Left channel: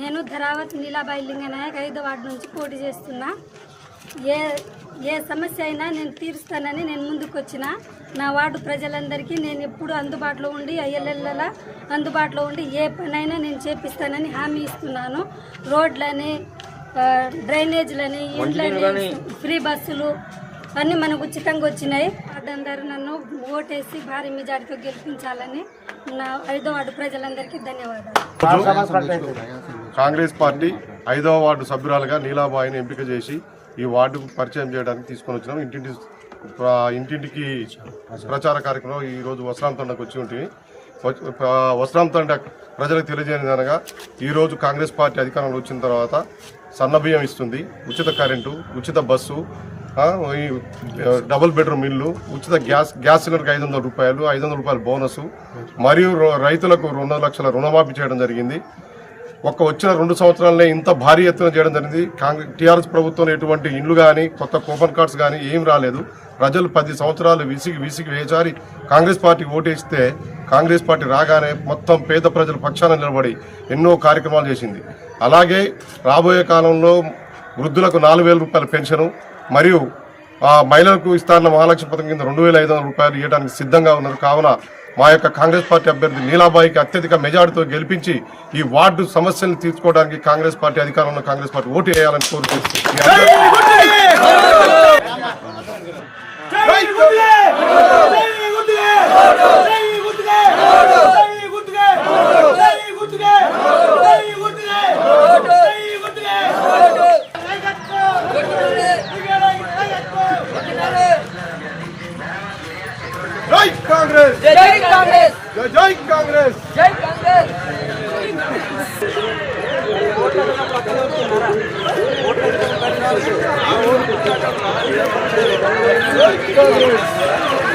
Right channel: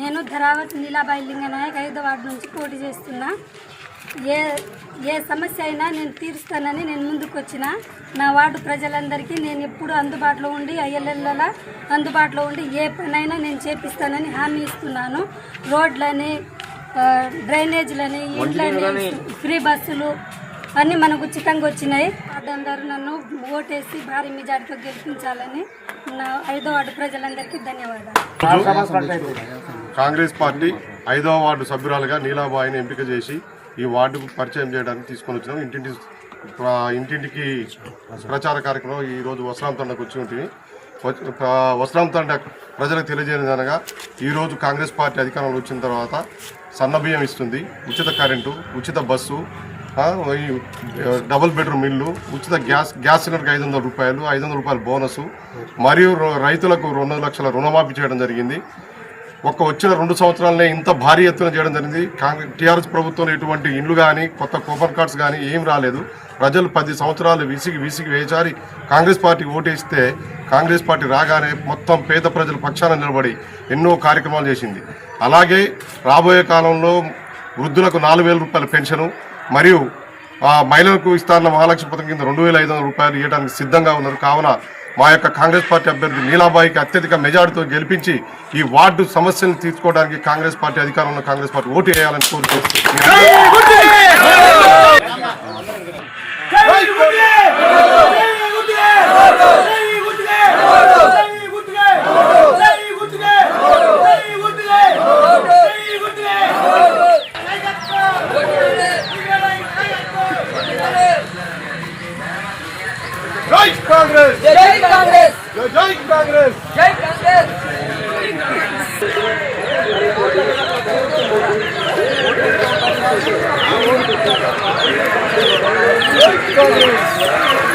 నేను ధరావత్ నీలాబాయి లింగనాయక్ 5వ వార్డు నుంచి పోటీ చేస్తున్నా. ఏ సమస్య అయినా నేను తీరుస్తానని నేను ముందుకు వచ్చిన. నా వార్డు ప్రజలందరికీ నేను ఎప్పుడు అందుబాటులో ఉండి అయ్యలెల్లలా అందుబాటులో ఉండి ఏ పనైనా నేను చేపిస్తానని హామీ ఇస్తున్నాను. రోడ్లని, డ్రైనేజ్లని, ఇండ్లని, ఫ్రీ బస్సులు అన్నీ మనకు ఉచితంగా వచ్చినాయి. అడ్డం గారు నన్ను ఓటేసి భారీ మెజార్టీతో గెలిపించాలని నా 5వ వార్డు ప్రజలందరికీ ధన్యవాదాలు. కాంగ్రెస్ పార్టీ 5వ వార్డు సభ్యురాలుగా నీలాబాయిని ఎంపిక చేసి ఈ వార్డుకు పరిచయం చేయడానికి తీసుకొని వచ్చినాం. ఇంటింటికి ప్రచార కార్యక్రమం ఈరోజు వస్త్రాంతండకు వచ్చి ఉంటుంది. వస్త్రాంతండ ప్రజలకు తెలియజేయనగా ఈరోజు కాంగ్రెస్ పార్టీ అధికారంలో వచ్చిన తర్వాత సన్నబియ్యం ఇస్తుంది, ఉచిత కరెంటు, ఉచిత బస్సు, డబుల్ బెడ్రూమ్ ఇల్లు, ఉచిత గ్యాస్ సిలిండర్కి 500 రూపాయలు, 500 రూపాయలు బోనసు, మరియు రైతులకు 2 లక్షల రుణమాఫీ చేయడం జరిగింది. వచ్చిన 2 సంవత్సరాలనే ఇంత భారీ ఎత్తున చేయడం జరిగింది. టీఆర్ఎస్ ప్రభుత్వం ఎటువంటి ఇండ్లు కానీ కొత్త కూపన్ కార్డ్స్ కానీ ఏం రాలేదు. ప్రజలు 10 సంవత్సరాలు విసిగి వేచారి కాంగ్రెస్ పార్టీకి ఓటేస్తే కాంగ్రెస్ పార్టీ రాగానే మొత్తం పేద ప్రజల పక్షాన నిలబడి ఎన్నో కార్యక్రమాలు చేసింది. అలాగే రాబోయే కాలంలో వృద్ధులకు 4,000 రూపాయల పెన్షను మరియు మహిళలకు ఇస్తారన్న మహాలక్ష్మి పథకం కింద 2,500 రూపాయలు ఇవ్వడానికి సిద్ధంగా ఉన్నారు. కావున మా యొక్క కాంగ్రెస్ పార్టీ అభ్యర్థి నీలాబాయికి అత్యధిక మెజార్టీతో గెలిపించి ఈ వార్డు సమస్యలను తీర్చుకోవడానికి కాంగ్రెస్ పార్టీ అధికారంలో కాంగ్రెస్ పార్టీ ఓటు వేయాలని కోరుకుంటున్నాను. జై కాంగ్రెస్, జై కాంగ్రెస్, జై కాంగ్రెస్, జై కాంగ్రెస్.